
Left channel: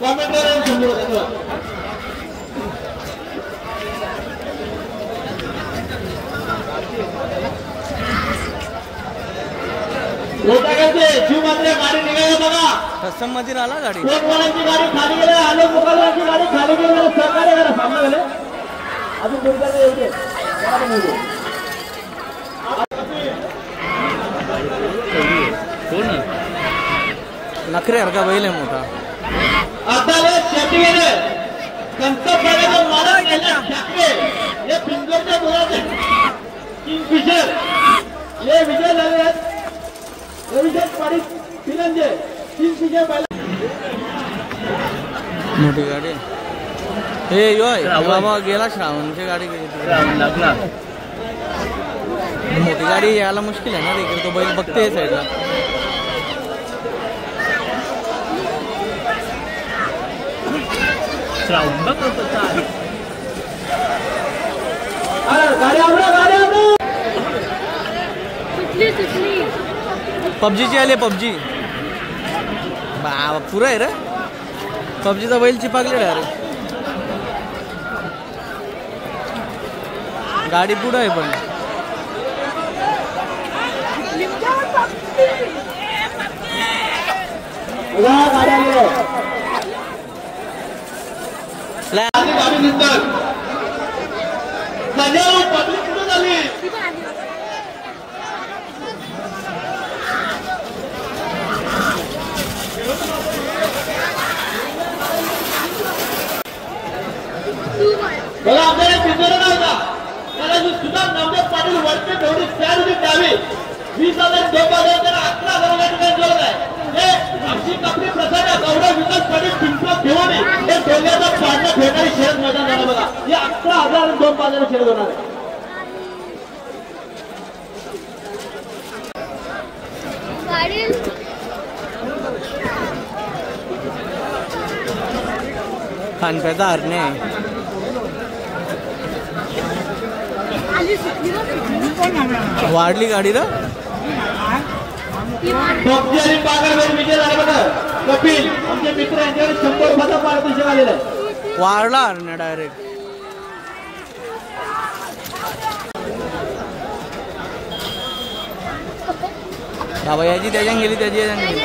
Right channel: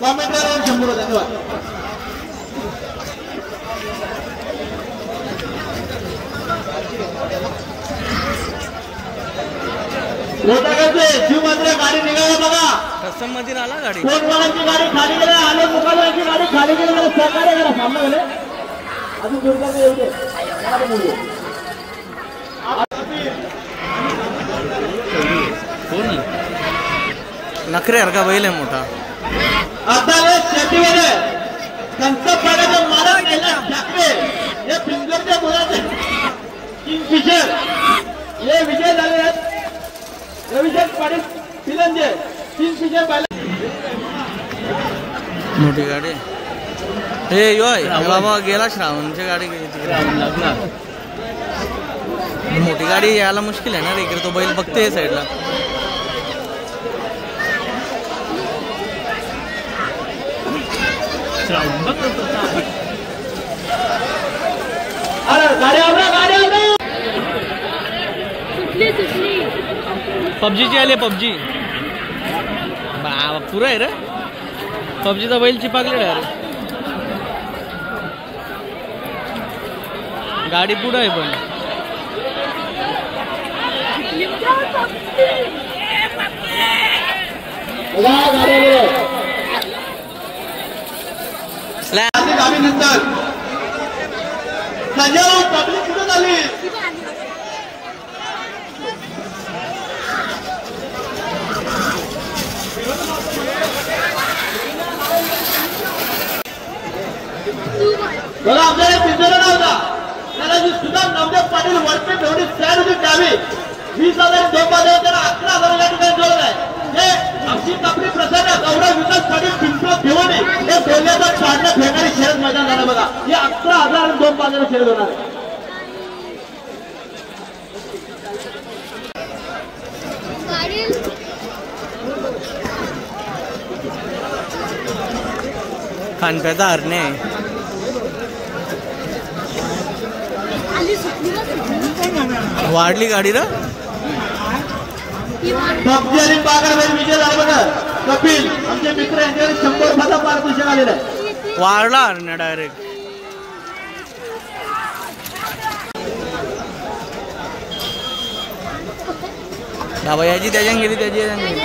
कॉमेंटला 100 धन्यवाद. शिव मात्र गाडी निघाला बघा. कस्टम मध्ये आला गाडी. कोणवाड्याची गाडी खाली गेली. आले मुकालवाची गाडी खाली गेली. सहकार्य करा. सामना गेले अजून दुर्गाचे एवढे नखरे हरका बैल आहे मोठा. आता शेती गेले कंच मारा गेला ठाकरे हे पिंजरच्या गोळ्याचे किंगफिशर हे विजय झाले आहेत. रविचंद पाटील फिरंजे किंगफिशर पाहिला. मोठी गाडी हे योय बाबा गेला. श्रावणची गाडी लागला. मोठी गाडी यायला मुश्किल आहे ना रे. इकडे तो बैल बघते साईडला. पबजीची आले. पबजी बाबा पुरा आहे रे. पबजीचा बैल चिपाकले डायरेक्ट. गाडी पुढं आहे पण बघा आपल्याला पिंजरा नव्हता त्याला सुद्धा नवदेव पाटील वरती थोडी स्टँड होती डावी 20,000 2,000 तर 11,000 ठिकाणी जोड आहे. हे अशी आपली प्रसन्न गौरव विकास पाटील पिंपळ घेऊन हे डोल्यावर पाडणं फेकारी शहर मैदान झालं बघा. हे 11,000 आणि 2,000 शहर होणार आहे. खानप्याचा हरणे वाढली गाडी रा. विजय झाला बघा. कपिल आमचे मित्र यांच्याकडे 100 पारितोषिक आलेलं आहे. वाढला हरणे डायरेक्ट. बाबा याची त्याच्यान गेली त्याची याच्यान गेली.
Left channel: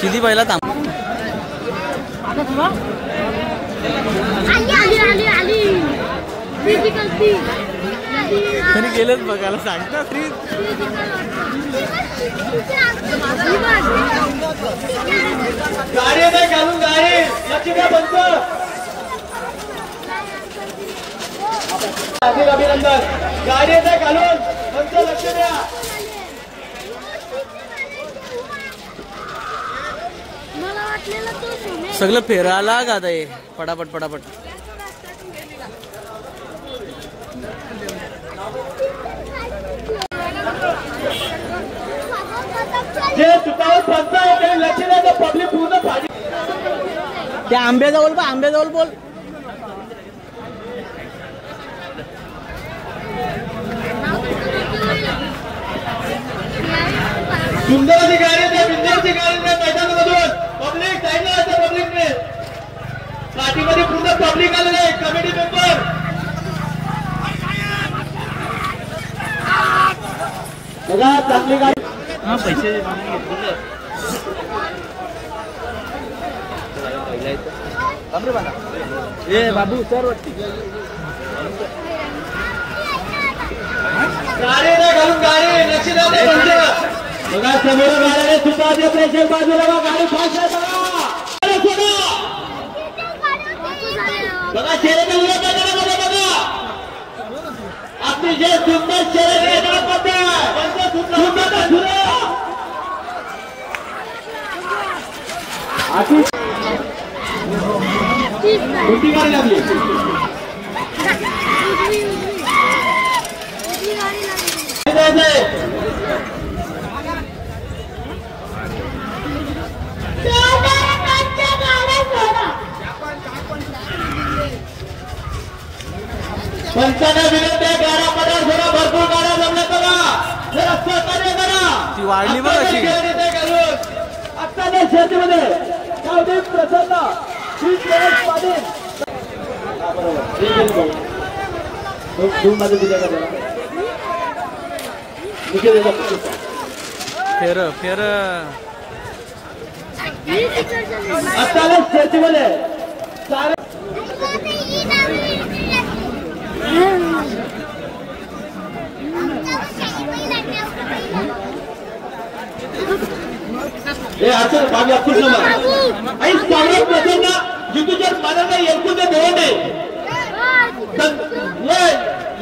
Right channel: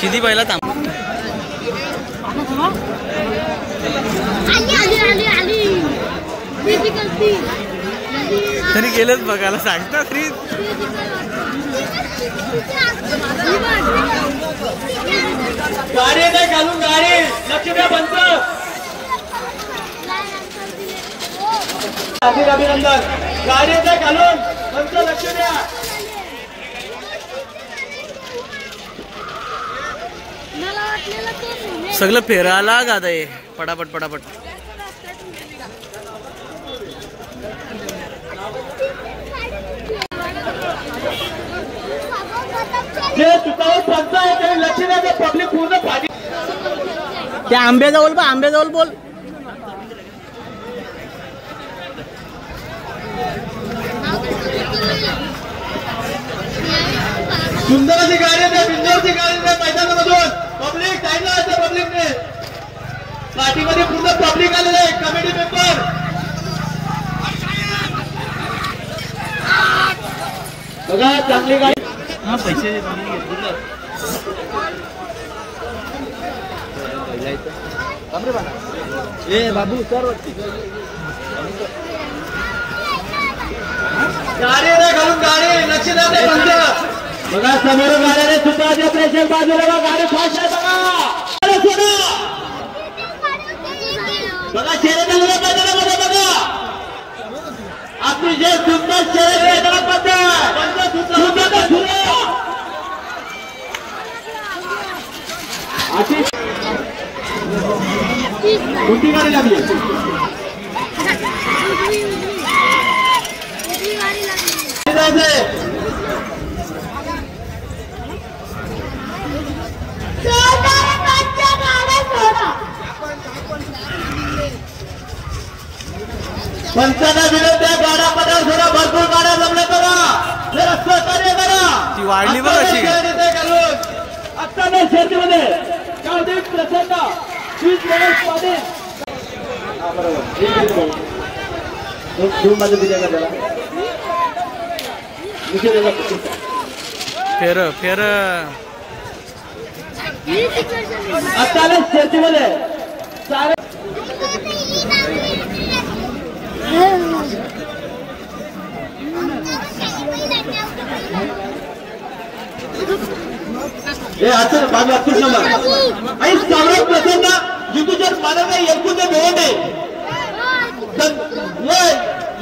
शिदी पहिला थांब. तरी गेलंच बघायला सांगता फ्रीज. गाडी नाही घालून गाडी लक्ष द्या. बंद अभिनंदन. गाडी नाही घालून बंद लक्ष द्या. सगळं फेरायला गात आहे पटापट पटापट. जे चुकावून पंच आहे लक्ष द्या. पब्लिक पूर्ण पाणी त्या आंब्याजवळ बोल. आंब्याजवळ बोल. सुंदर अशी गाडी आहे. सुंदरची गाडी मैदानामधून पब्लिक जायला असतं. पब्लिकने पाठीमध्ये पूर्ण पब्लिक आलेलं आहे. कमिटी मेंबर बघा चांगली गाडी. पैसे बाबू सर गाडी ना घालून गाडी लक्ष द्या. बघा समोर गाड्याने सुद्धा ते प्रेशर बाजूला बघा. गाडी फास्ट आहे बघा. बघा शर्यत बघा. आपली जे सुंदर शर्यत सुंदर कोणती गाडी लागली पंचांना विनंती आहे, गाड्या पदार थोडा भरपूर गाड्या जमल्या करा, जरा सहकार्य करा. ती वाढली बघ अशी. आता त्या शर्यतीमध्ये कावदेव प्रसन्न वीज गणेश पाटील फेर फेर आता शर्यतीमध्ये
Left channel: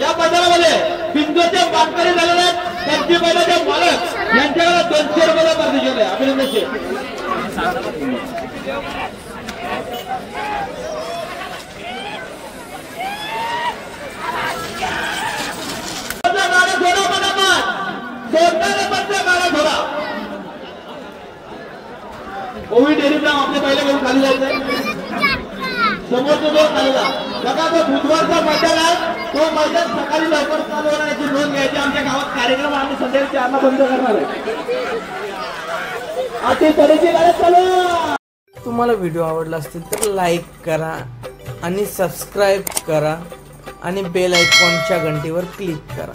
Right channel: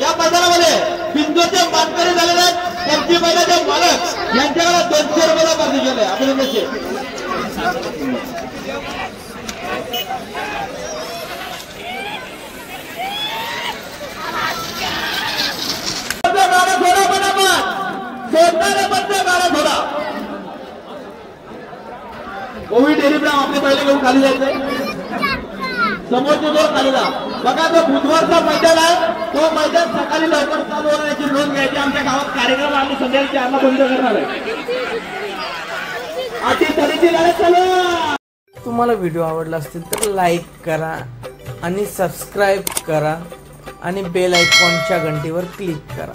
या मैदानामध्ये बिंदूचे मानकरी झालेले प्रति बैलाचे मालक यांच्याकडे 200 रुपयाला पार्टी केले. अभिनंदनचे कोविड डेरीला आपले पहिले घेऊन खाली जायचे समोरचे दोन खालीला बघा. जो बुधवारचा मैदान आहे तो मैदान सकाळी लवकर चालू होण्याची नोंद घ्यायची. आमच्या गावात कार्यक्रम आम्ही संध्याकाळी 4ला बंद करणार आहे. अति तऱ्हेची गाड्या चालू. तुम्हाला व्हिडिओ आवडला असतील तर लाईक करा आणि सबस्क्राईब करा आणि बेल आयकॉनच्या घंटीवर क्लिक करा.